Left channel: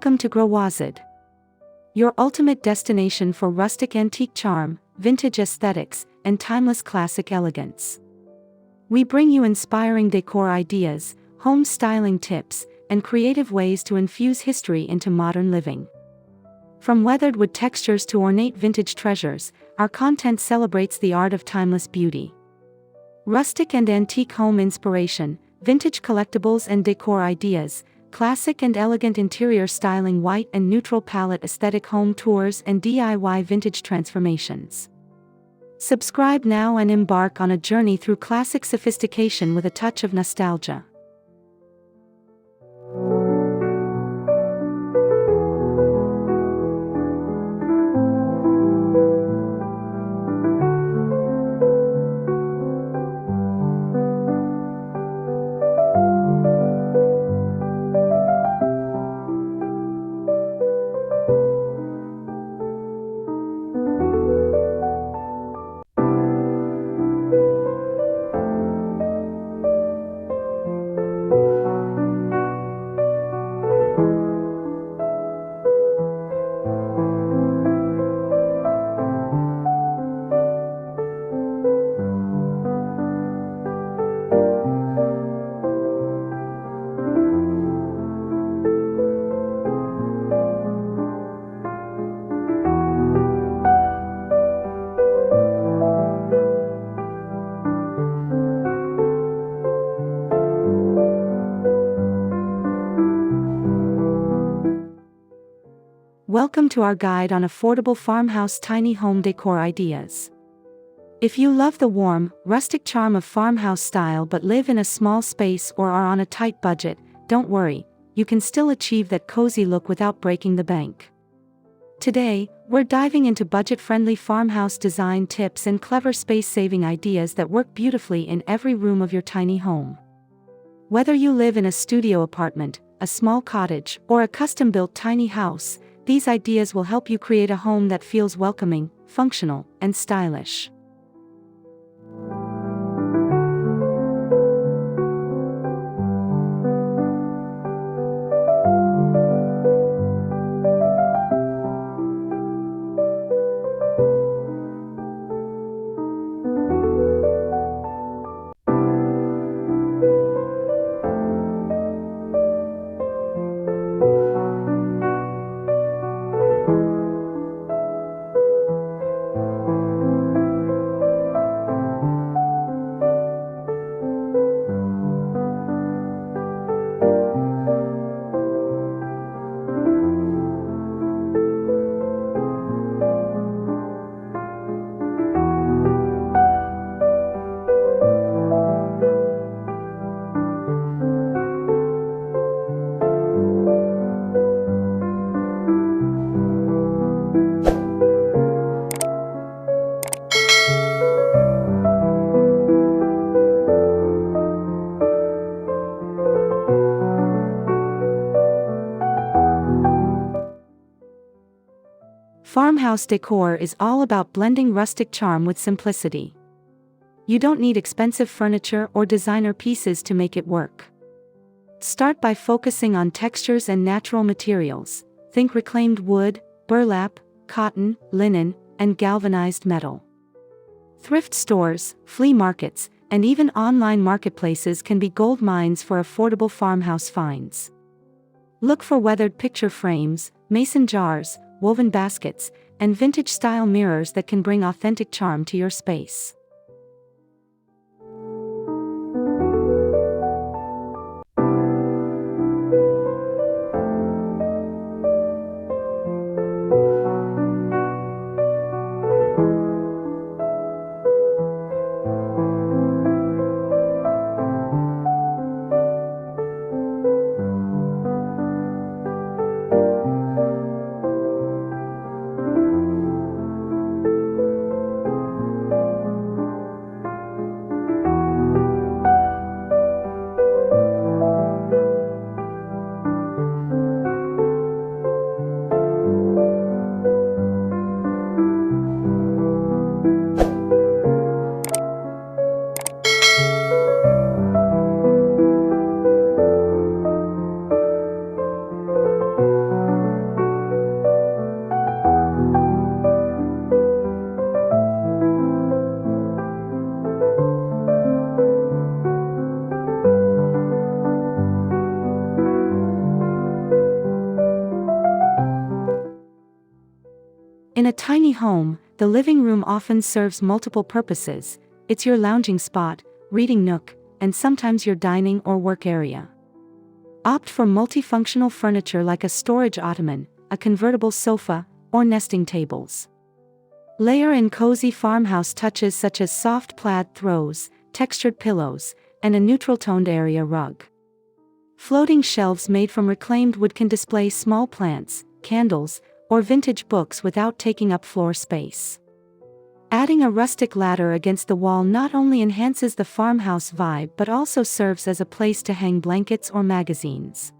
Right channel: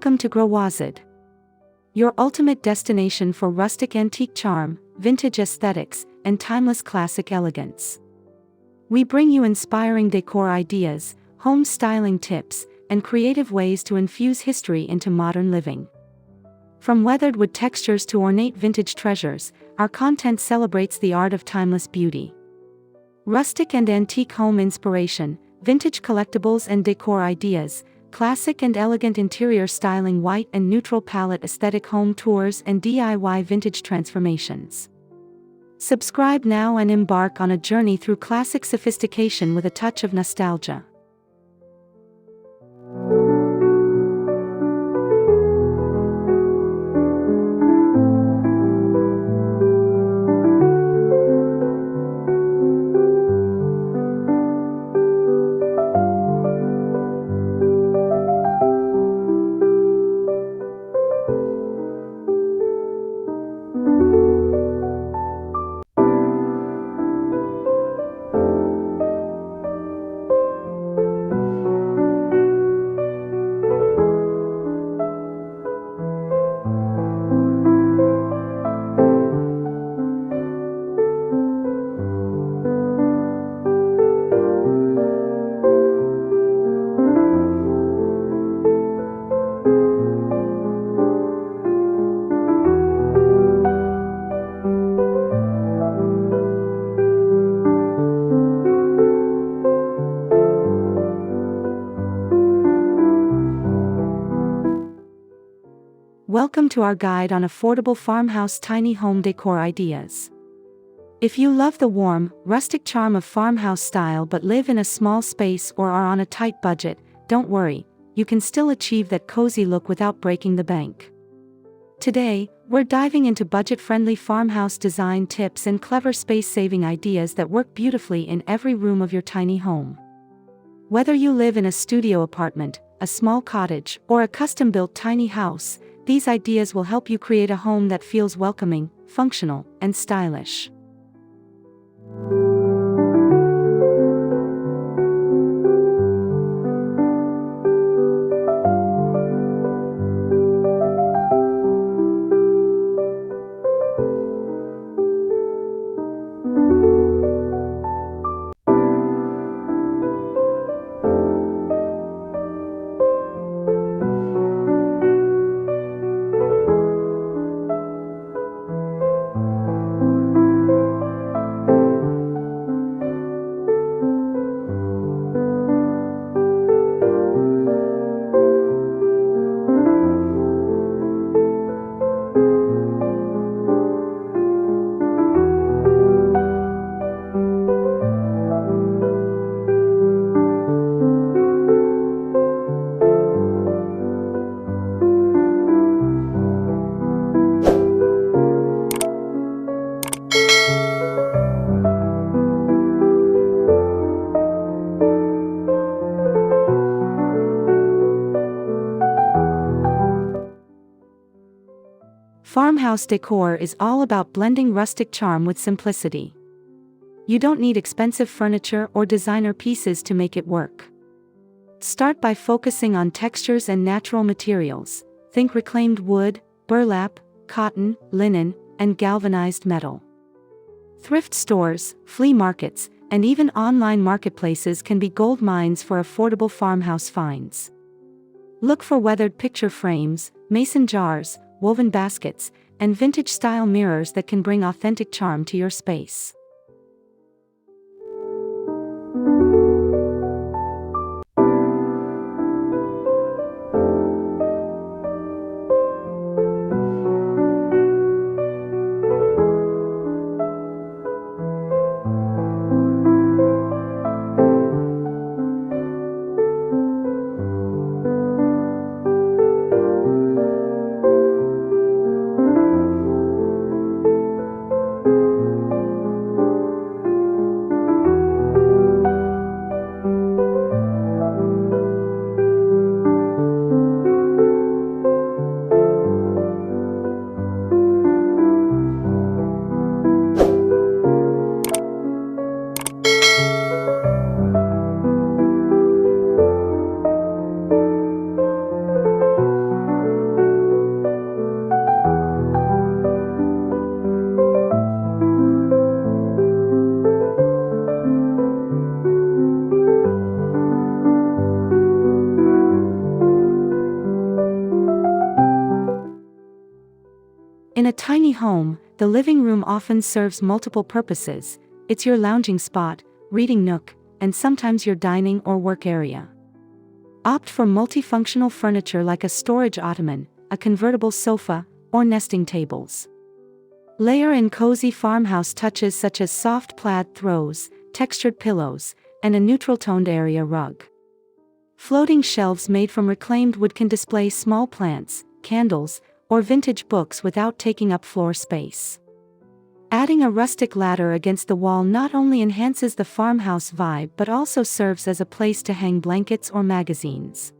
Welcome to Growazid, your ultimate destination for rustic antique charm, vintage aesthetics, and timeless classic elegance. We bring you inspiring decor ideas, home styling tips, and creative ways to infuse history into modern living. From weathered wood textures to ornate vintage treasures, our content celebrates the art of timeless beauty. Rustic and antique home inspiration, vintage collectibles and decor ideas, classic and elegant interior styling, white and neutral palette aesthetic home tours, and DIY vintage transformations. Subscribe now and embark on a journey through classic sophistication with a touch of nostalgia. Welcome to our guide on affordable farmhouse tiny home decor ideas. If you love the warm, rustic charm of farmhouse style but live in a small space or are on a tight budget, don't worry, you can still achieve that cozy look without breaking the bank. Today, we're diving into budget-friendly farmhouse design tips and clever space-saving ideas that work beautifully in every room of your tiny home. Whether you live in a studio apartment, a small cottage, or a custom-built tiny house, these ideas will help you create a home that feels welcoming, functional, and stylish. Farmhouse decor is all about blending rustic charm with simplicity. You don't need expensive furniture or designer pieces to make it work. Start by focusing on textures and natural materials. Think reclaimed wood, burlap, cotton, linen, and galvanized metal. Thrift stores, flea markets, and even online marketplaces can be gold mines for affordable farmhouse finds. Look for weathered picture frames, mason jars, woven baskets, and vintage-style mirrors that can bring authentic charm to your space. In a tiny home, the living room often serves multiple purposes. It's your lounging spot, reading nook, and sometimes your dining or work area. Opt for multifunctional furniture like a storage ottoman, a convertible sofa, or nesting tables. Layer in cozy farmhouse touches such as soft plaid throws, textured pillows, and a neutral-toned area rug. Floating shelves made from reclaimed wood can display small plants, candles, or vintage books without taking up floor space. Adding a rustic ladder against the wall not only enhances the farmhouse vibe but also serves as a place to hang blankets or magazines.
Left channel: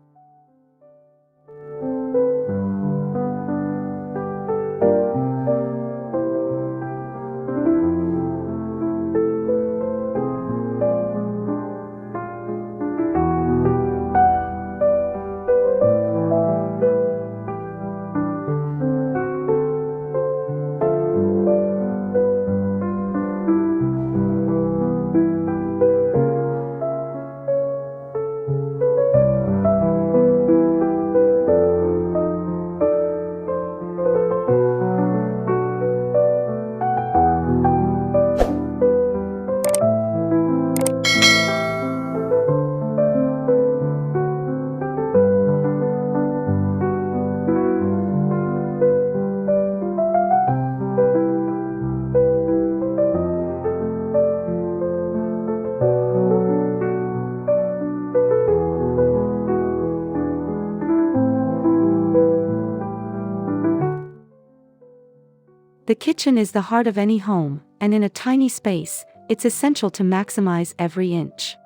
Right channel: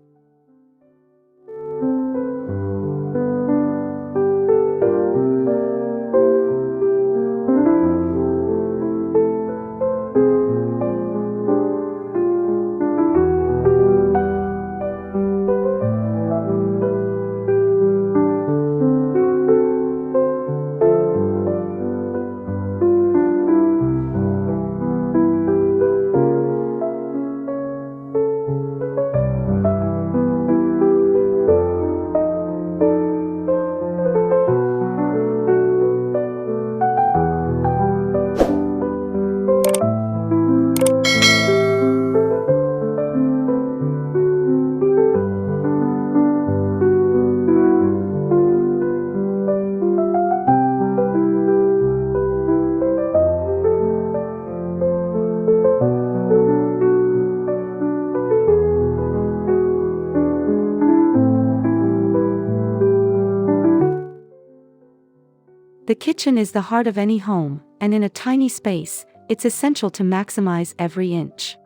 The kitchen is the heart of any home, and in a tiny space, it's essential to maximize every inch.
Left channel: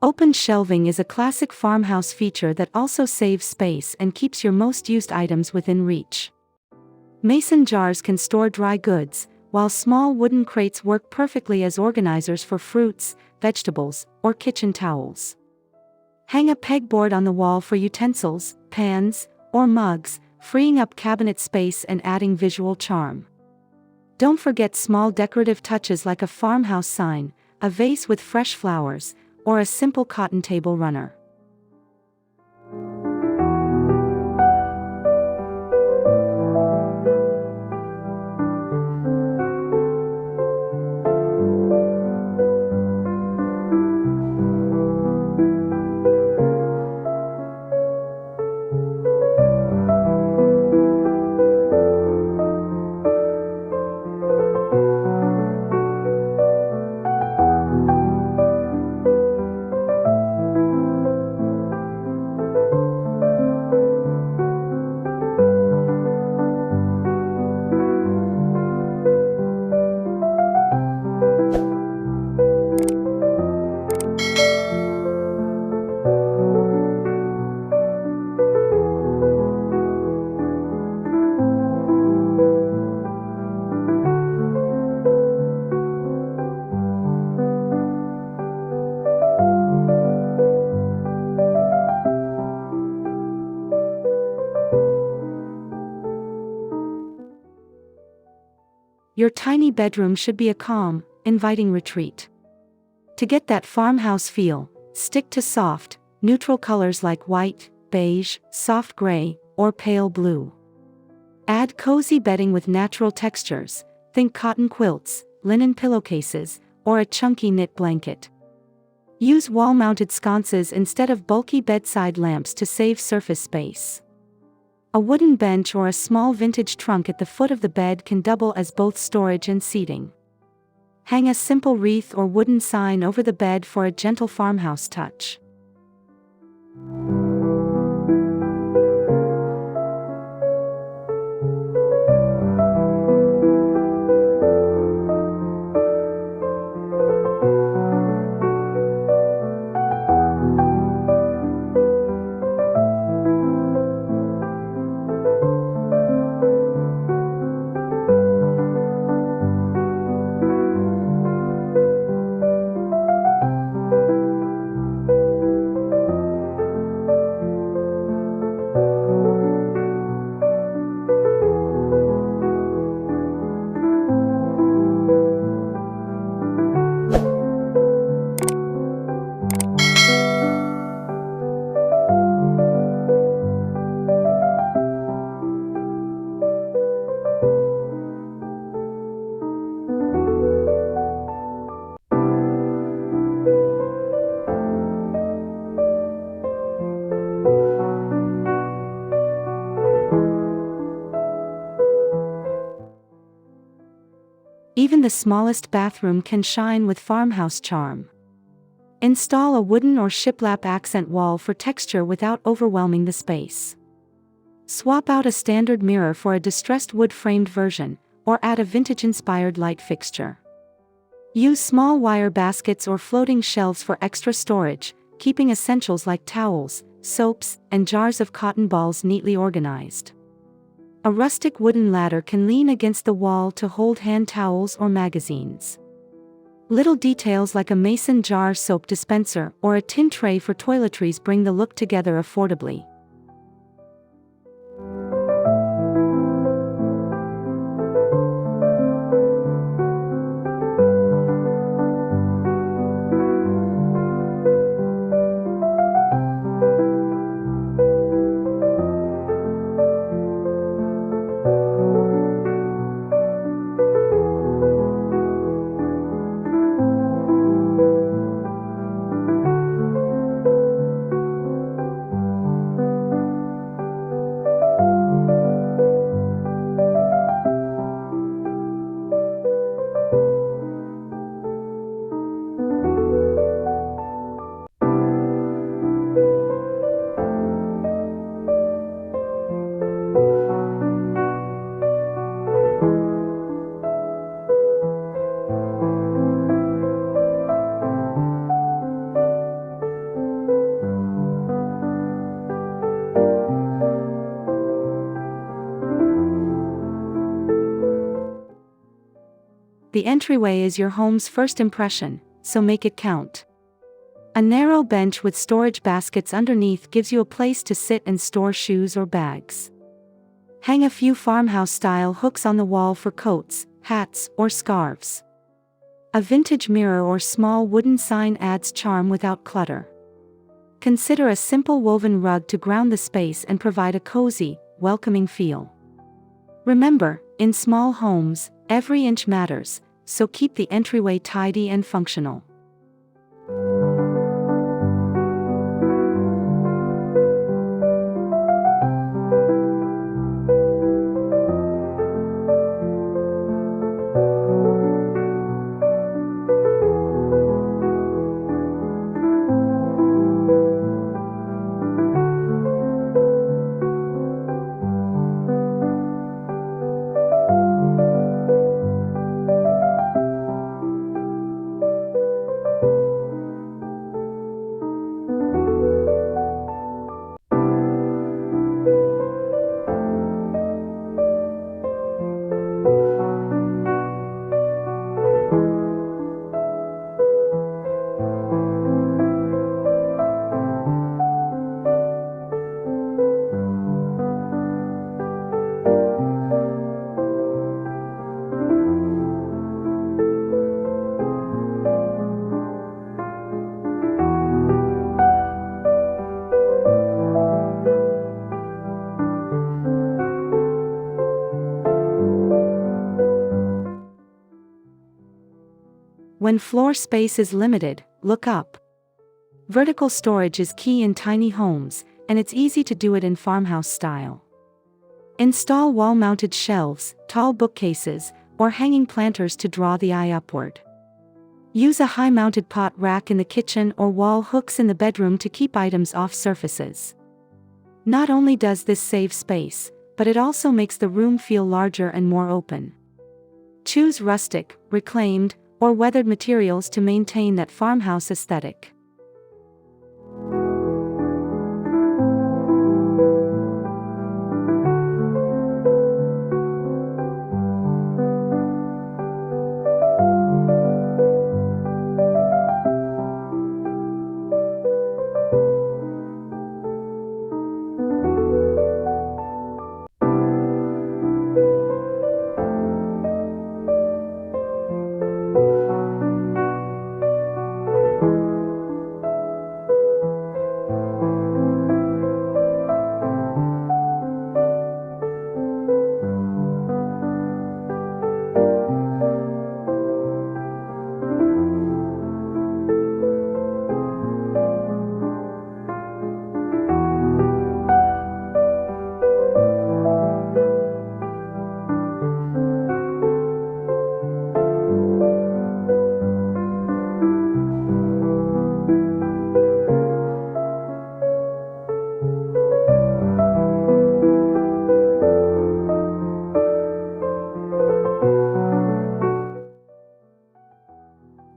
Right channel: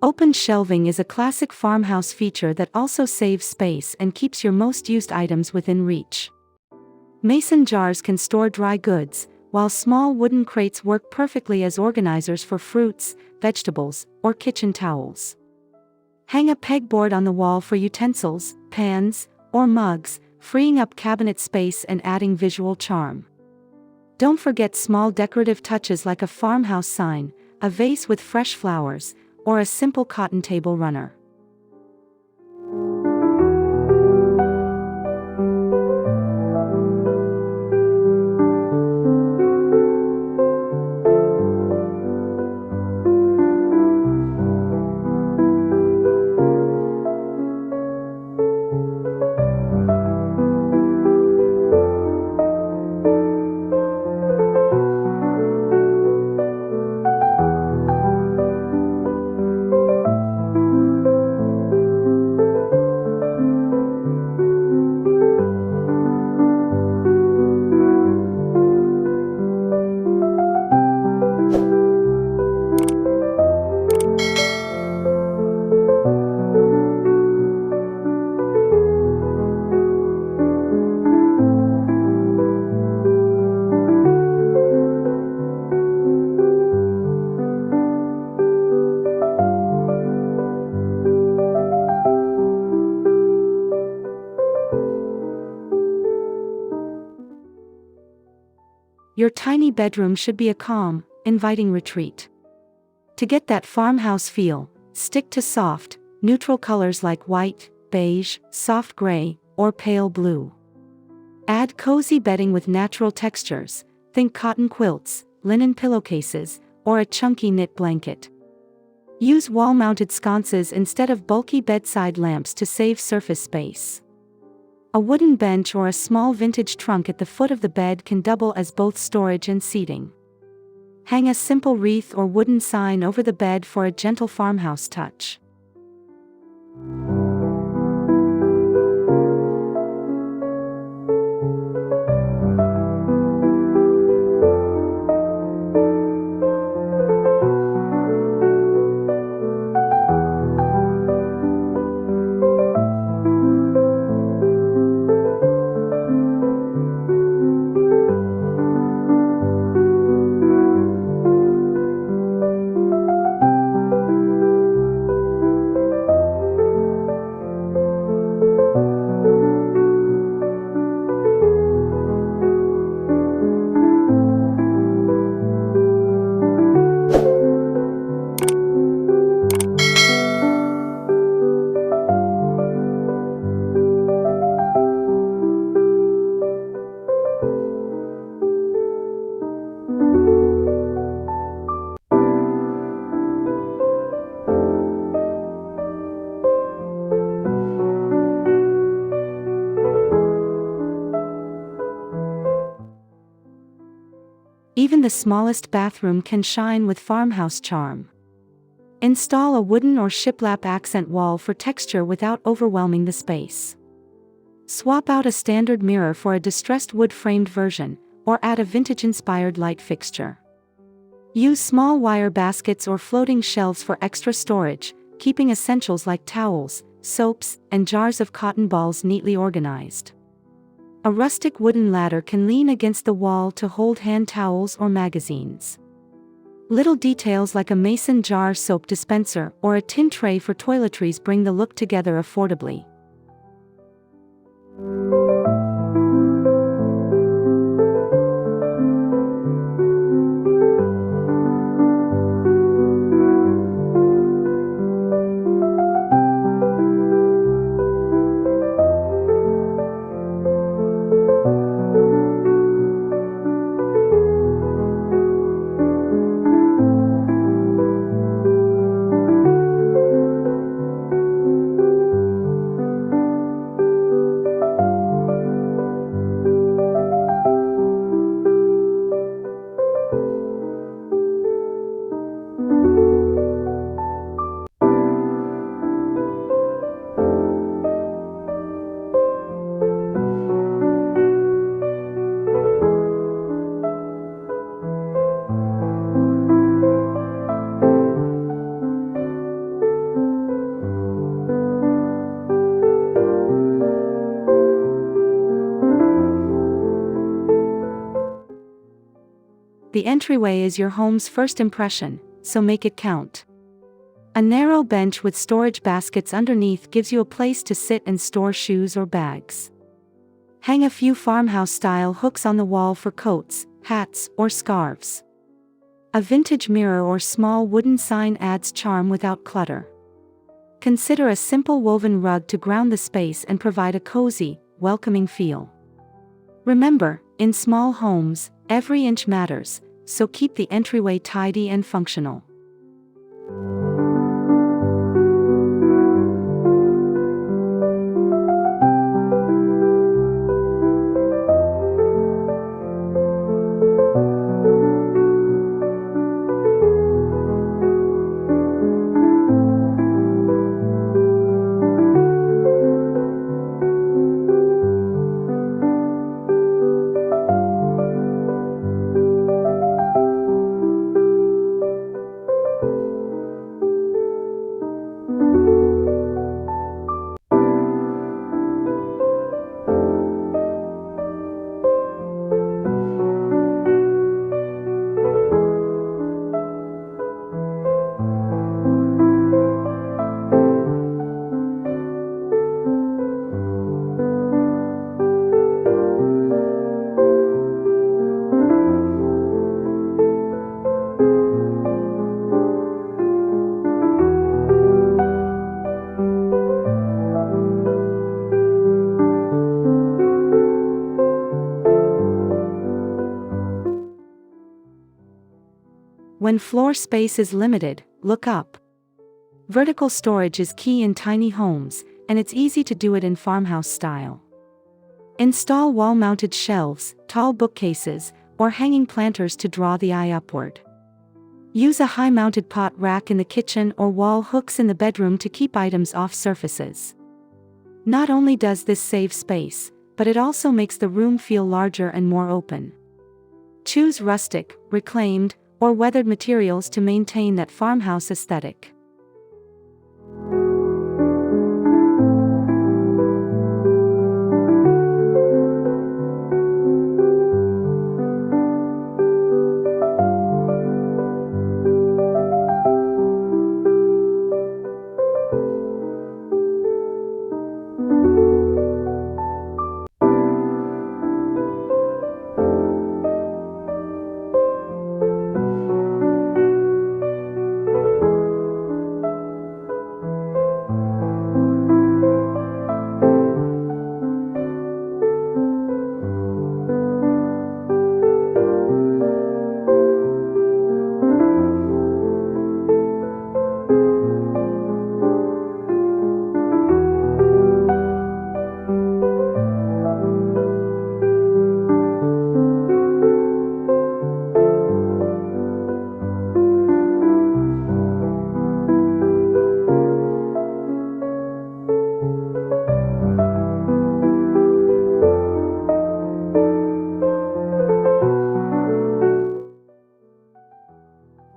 Open shelving is a classic farmhouse feature that also saves space and keeps your most used items within reach. Mason jars can store dry goods, while small wooden crates work perfectly as organizers for fruits, vegetables, or kitchen towels. Hang a pegboard on the wall for utensils, pans, or mugs, freeing up cabinet space and adding visual charm. Don't forget small decorative touches like a farmhouse sign, a vase with fresh flowers, or a simple cotton table runner. Your tiny bedroom should be a calm, inviting retreat. To get that farmhouse feel, stick to soft, neutral colors like white, beige, soft gray, or pale blue. Add cozy bedding with natural textures, think cotton quilts, linen pillowcases, or a chunky knit blanket. Use wall-mounted sconces instead of bulky bedside lamps to save surface space. A wooden bench or a small vintage trunk at the foot of the bed can double as both storage and seating. Hang a simple wreath or wooden sign over the bed for a gentle farmhouse touch. Even the smallest bathroom can shine with farmhouse charm. Install a wooden or shiplap accent wall for texture without overwhelming the space. Swap out a standard mirror for a distressed wood-framed version, or add a vintage-inspired light fixture. Use small wire baskets or floating shelves for extra storage, keeping essentials like towels, soaps, and jars of cotton balls neatly organized. A rustic wooden ladder can lean against the wall to hold hand towels or magazines. Little details like a mason jar soap dispenser or a tin tray for toiletries bring the look together affordably. The entryway is your home's first impression, so make it count. A narrow bench with storage baskets underneath gives you a place to sit and store shoes or bags. Hang a few farmhouse-style hooks on the wall for coats, hats, or scarves. A vintage mirror or small wooden sign adds charm without clutter. Consider a simple woven rug to ground the space and provide a cozy, welcoming feel. Remember, in small homes, every inch matters, so keep the entryway tidy and functional. When floor space is limited, look up. Vertical storage is key in tiny homes, and it's easy to do it in farmhouse style. Install wall-mounted shelves, tall bookcases, or hanging planters to draw the eye upward. Use a high-mounted pot rack in the kitchen or wall hooks in the bedroom to keep items off surfaces. Not only does this save space, but it also makes the room feel larger and more open. Choose rustic, reclaimed, or weathered materials to maintain that farmhouse aesthetic.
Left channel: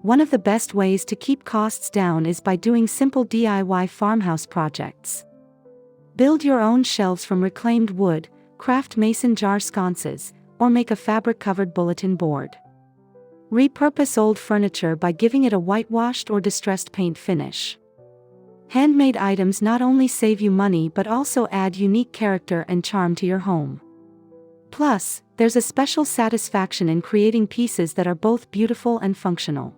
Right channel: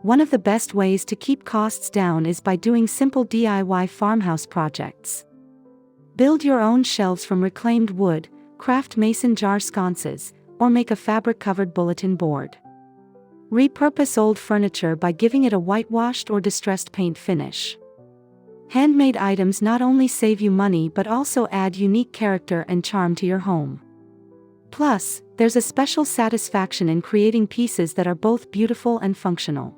One of the best ways to keep costs down is by doing simple DIY farmhouse projects. Build your own shelves from reclaimed wood, craft mason jar sconces, or make a fabric-covered bulletin board. Repurpose old furniture by giving it a whitewashed or distressed paint finish. Handmade items not only save you money but also add unique character and charm to your home. Plus, there's a special satisfaction in creating pieces that are both beautiful and functional.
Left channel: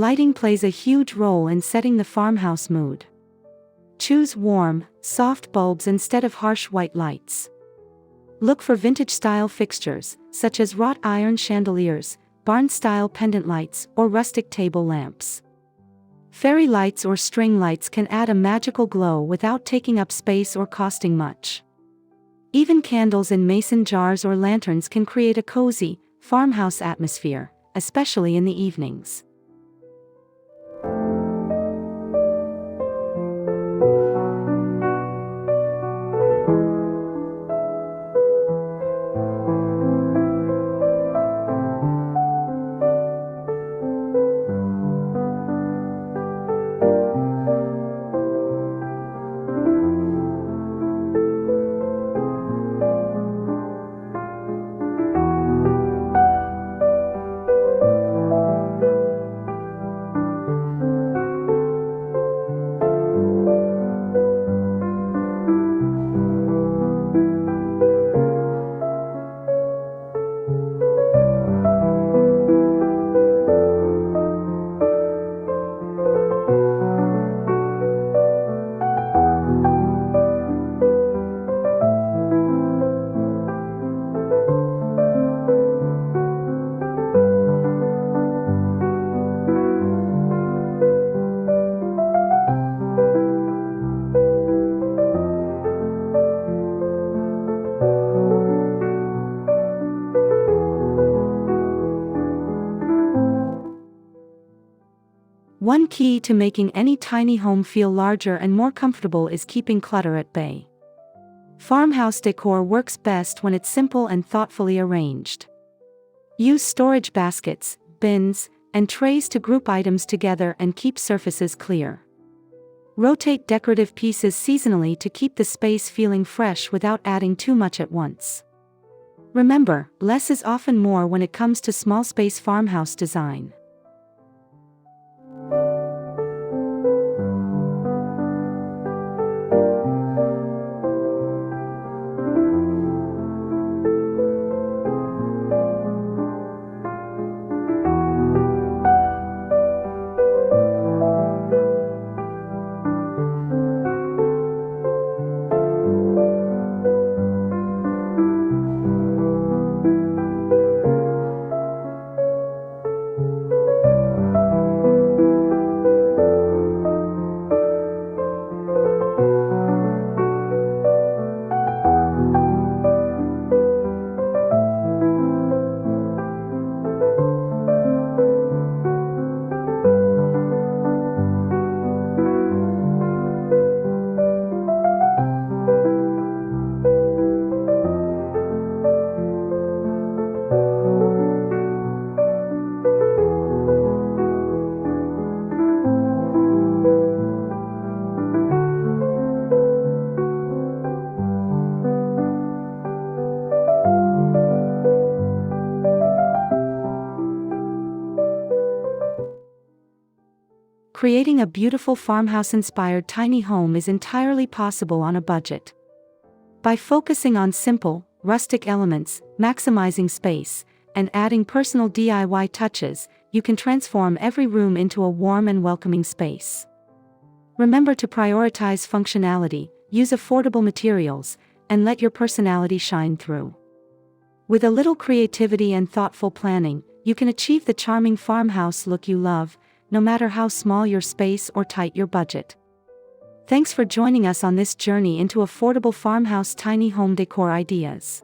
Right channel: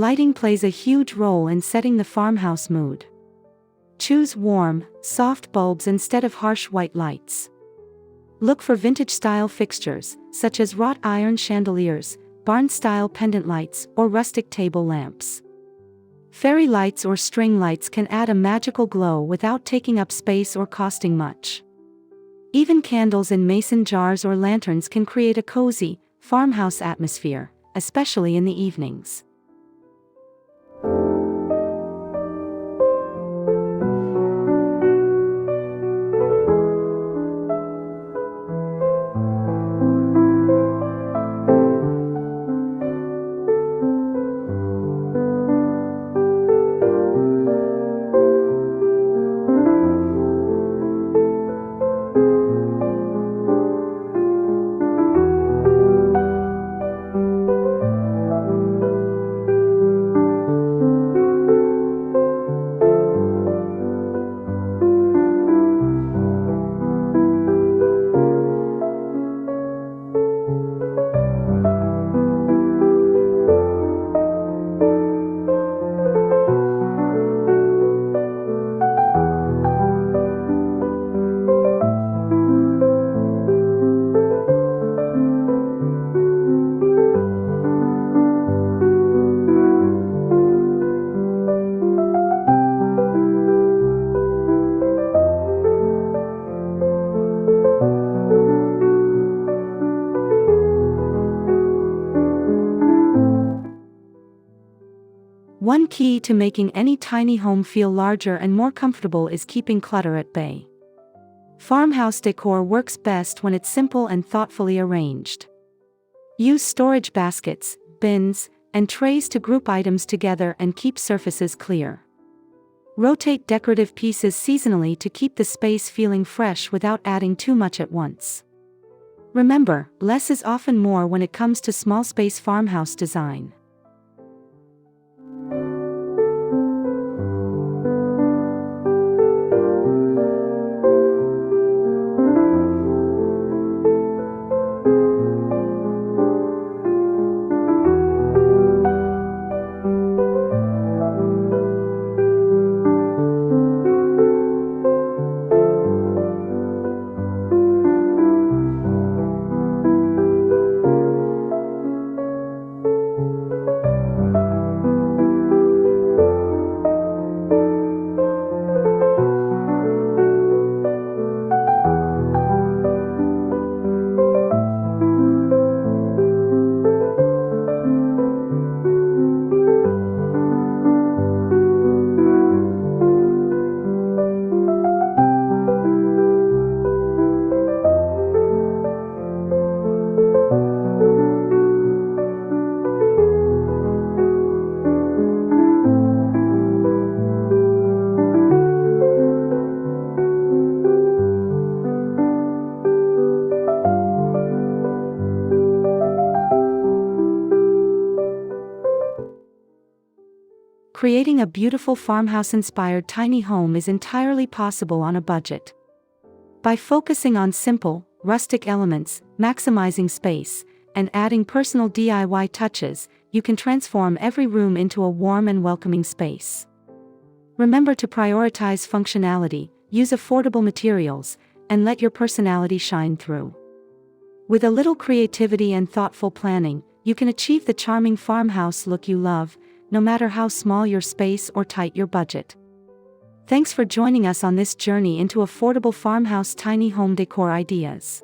Lighting plays a huge role in setting the farmhouse mood. Choose warm, soft bulbs instead of harsh white lights. Look for vintage-style fixtures, such as wrought iron chandeliers, barn-style pendant lights, or rustic table lamps. Fairy lights or string lights can add a magical glow without taking up space or costing much. Even candles in mason jars or lanterns can create a cozy, farmhouse atmosphere, especially in the evenings. One key to making any tiny home feel larger and more comfortable is keeping clutter at bay. Farmhouse decor works best when it's simple and thoughtfully arranged. Use storage baskets, bins, and trays to group items together and keep surfaces clear. Rotate decorative pieces seasonally to keep the space feeling fresh without adding too much at once. Remember, less is often more when it comes to small space farmhouse design. Creating a beautiful farmhouse-inspired tiny home is entirely possible on a budget. By focusing on simple, rustic elements, maximizing space, and adding personal DIY touches, you can transform every room into a warm and welcoming space. Remember to prioritize functionality, use affordable materials, and let your personality shine through. With a little creativity and thoughtful planning, you can achieve the charming farmhouse look you love, no matter how small your space or tight your budget. Thanks for joining us on this journey into affordable farmhouse tiny home decor ideas.